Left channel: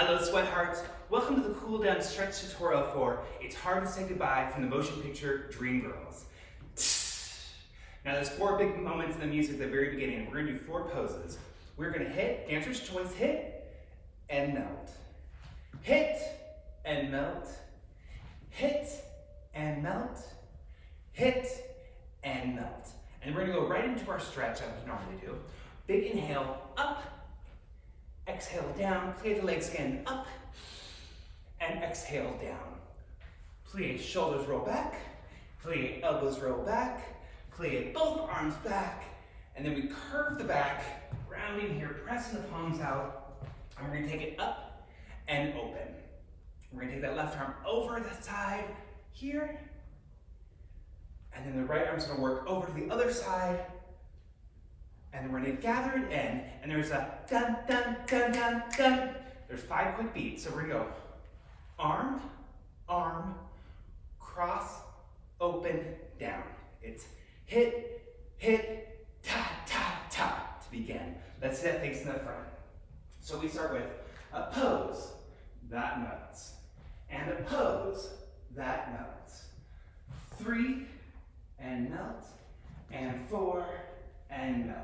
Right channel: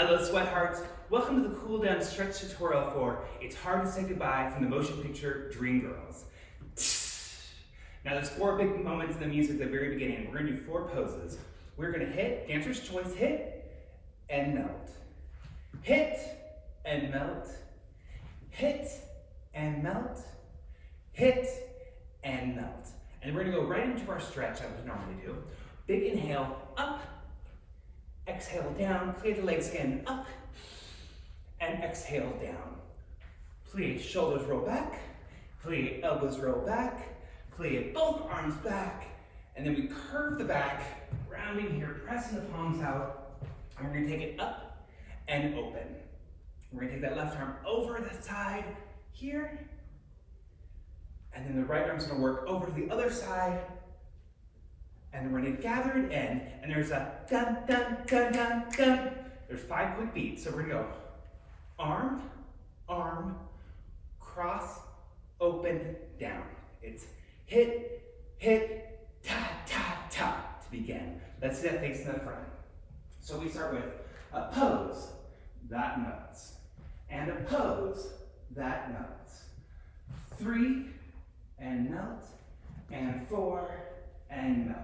Hello Sweathearts, welcome to the cool down stretch tutorial for It's Hard to Say Goodbye from the motion picture Dreamgirls. Now there's 4 big moments in the music at the very beginning. We're gonna do 4 poses. We're gonna hit, dancer's choice, hit and melt. Hit and melt. Hit and melt. Hit and melt. And we're gonna go right into our stretch like we normally do. Big inhale, up. Exhale down, plie the legs again, up, and exhale down. Plie shoulders roll back, plie elbows roll back, plie both arms back, and then we curve the back, rounding here, pressing the palms out, and we're gonna take it up and open. We're gonna take that left arm over the side here, and then the right arm's gonna work over to the other side, and then we're going to gather it in, and there's a dun, dun, dun, dun, dun. There's 5 quick beats. So we're going to go arm, arm, cross, open, down. It's hit, hit, ta, ta, ta to begin. Let's do that facing the front. So we start with a pose, that melts, and a pose, that melts. 3, and melt, and 4, and melt.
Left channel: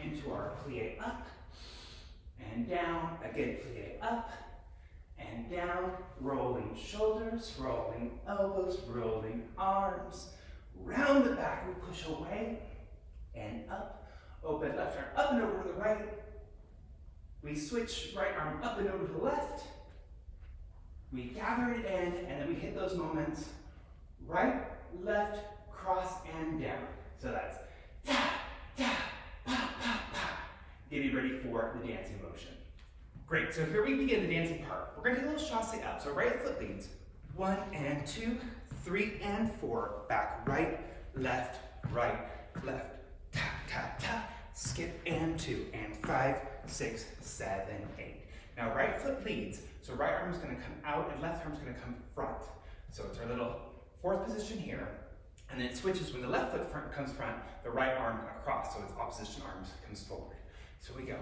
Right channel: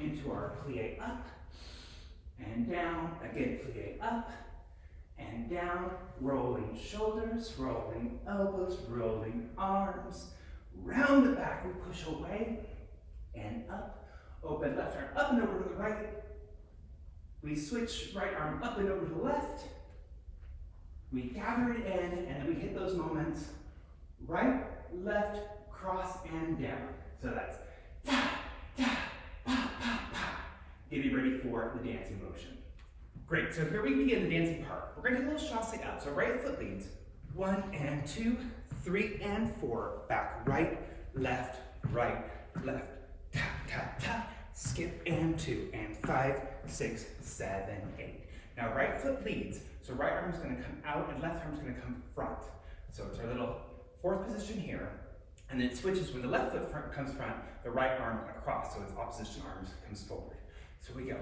Into our plie up and down, again plie up and down, rolling shoulders, rolling elbows, rolling arms, round the back, we push away and up, open left arm up and over to the right, we switch right arm up and over to the left, we gather it in, and then we hit those moments, right, left, cross, and down. So that's ta, ta, pa, pa, pa. Getting ready for the dancing motion. Great, so here we begin the dancing part. We're gonna take a little chassé up. So right foot leads. 1 and 2, 3 and 4. Back, right, left, ta, ta, ta. Skip and 2 and 5, 6, 7, 8. Now right foot leads. So right arm's gonna come out and left arm's gonna come front. So it's our little 4th position here. And then it switches when the left foot comes front, the right arm across, so its opposition arms comes forward. So we go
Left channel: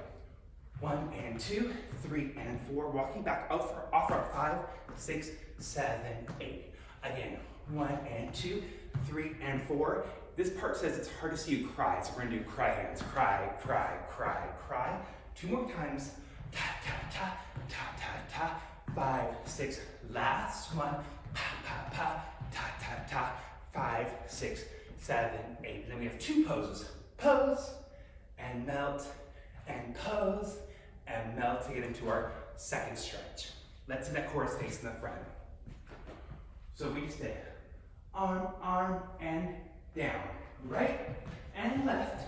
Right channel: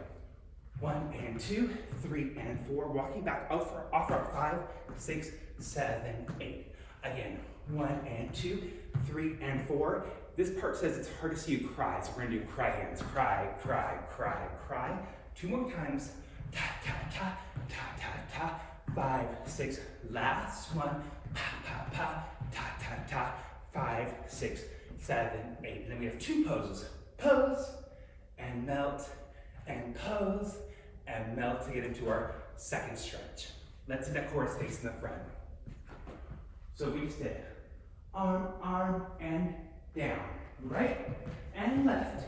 1 and 2, 3 and 4, walking back off our 5, 6, 7, 8. Again, 1 and 2, 3 and 4. This part says it's hard to see you cry, so we're gonna do cry hands. Cry, cry, cry, cry. 2 more times. Ta, ta, ta, ta, ta, ta. 5, 6, last one. Pa, pa, pa, ta, ta, ta. 5, 6, 7, 8. And then we have 2 poses. Pose and melt and pose and melt to get into our second stretch. Let's do that chorus facing the front. So we just did arm, arm, and down. Right and left.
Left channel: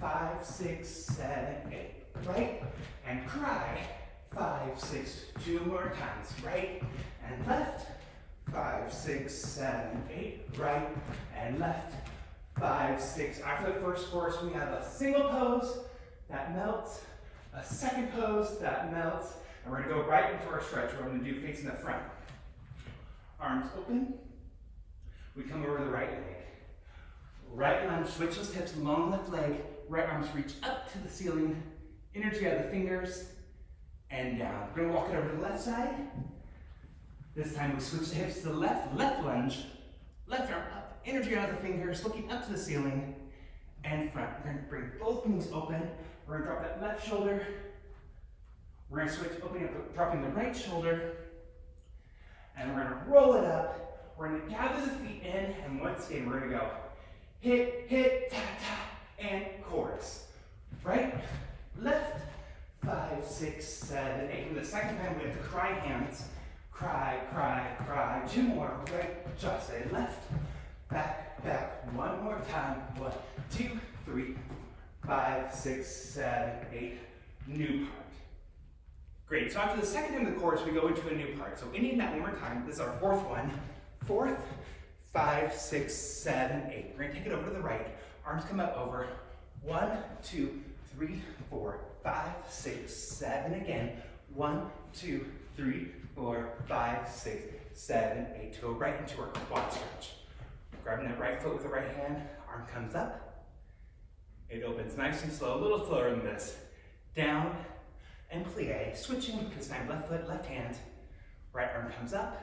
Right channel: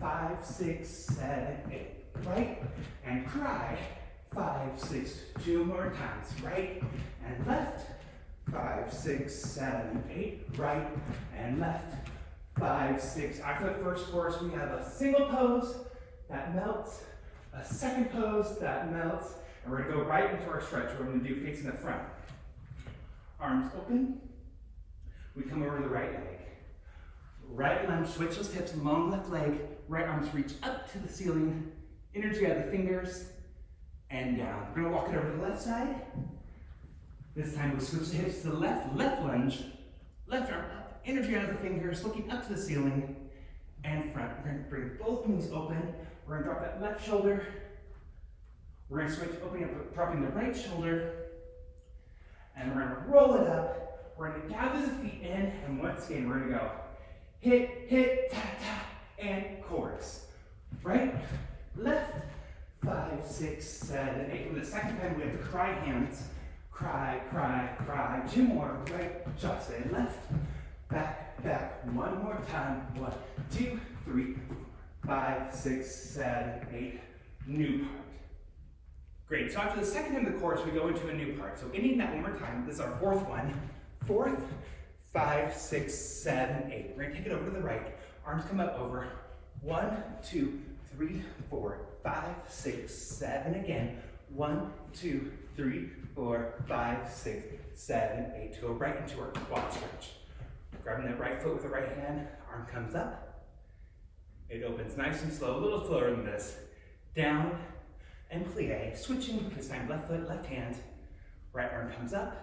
5, 6, 7, 8. Right and cry. 5, 6, 2 more times. Right and left. 5, 6, 7, 8, right and left. 5, 6. After the first chorus, we have a single pose that melts, a second pose that melts, and we're gonna go right into our stretch. We're gonna do facing the front. Arms open. We come over to the right leg. Right lunge, switch those hips, long left leg. Right arms reach up to the ceiling. Energy out of the fingers and down. We're gonna walk it over to the left side. This time we switch the hips to the left, left lunge, left arm up, energy out of the fingers, looking up to the ceiling, and front. We're gonna bring both knees open. We're gonna drop that left shoulder. We're gonna switch, dropping the right shoulder, and we're gonna roll it up. We're gonna gather the feet in, and once again, we're gonna go hit, hit, ta, ta, and chorus. Right, left, 5, 6, 7, 8. And the second time we have the cry hands. Cry, cry, cry. 2 more. Right, chassé, left, back, back. 1 more time. 1, 2, 3, 5, 6, 7, 8. New part. Great. So after the second time of the chorus, we go into a new part. So ending that one more time. This is our 4th one. 4th, 5, 6, 7, 8. We're gonna take it over to the right. Arms come up over. 1, 2, 3, 4, 5, 6, 7. Again. 1, 2, 3, 4, 5, 6, 7, 8. To go right into our quad stretch. Grabbing that right foot with the right hand, arm comes up. It opens nice and slow, a little slower than this. Down and plie. Switching, this time left foot, left hand. Right arm comes up,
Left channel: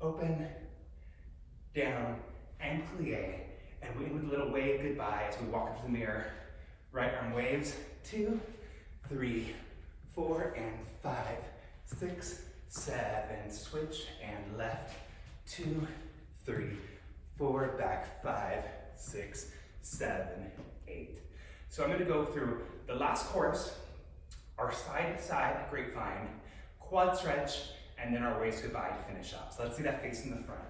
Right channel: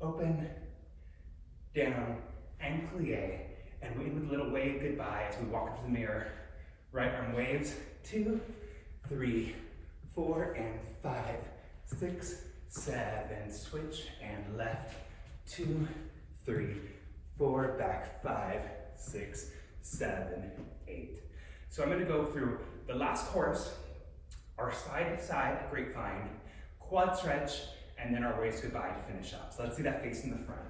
open, down, and plie. And we end with a little wave goodbye as we walk up to the mirror. Right arm waves, 2, 3, 4, and 5, 6, 7. Switch and left, 2, 3, 4, back, 5, 6, 7, 8. So I'm going to go through the last chorus, our side to side grapevine, quad stretch, and then our waist goodbye to finish up. So let's see that face in the front.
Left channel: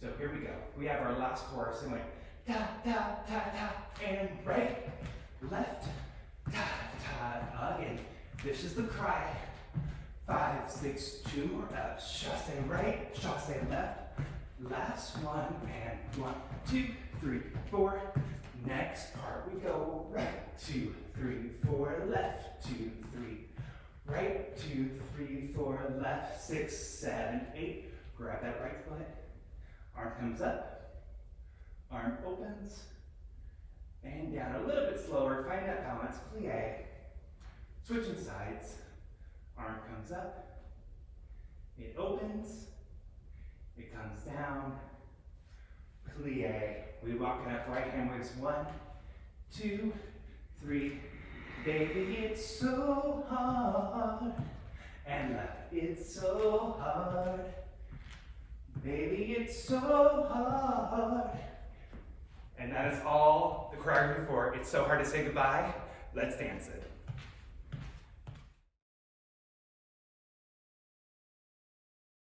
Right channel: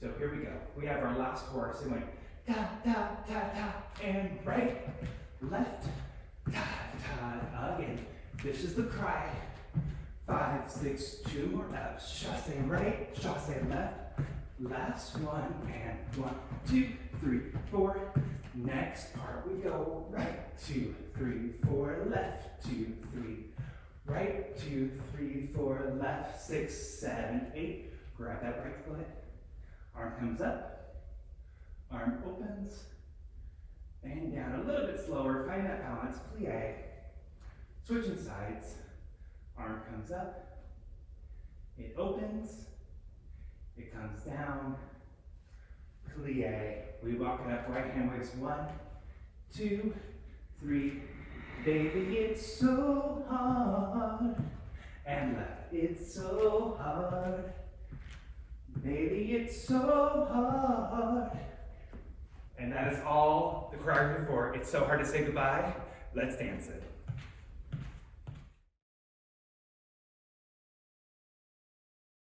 So here we go. We have our last chorus. It went da da da da, and right, left, da da, again. This is the cry. 5, 6, 2 more up. Chasse right, chasse left. Last one, and 1, 2, 3, 4. Next part we go right, 2, 3, 4, left, 2, 3, right, 2, 3, 4, left, 6, 7, 8. Grab that right foot. Arm comes up, arm opens, and down a little bit slower. Find that balance, plie. Switching sides, arm comes up, it opens, it comes down, plie. We walk it up, right hand waves, 1, 2, 3. Baby, it's so hard, and left, it's so hard. Baby, it's so hard. And that is all the choreography for It's So Hard to Say Goodbye. Let's dance it.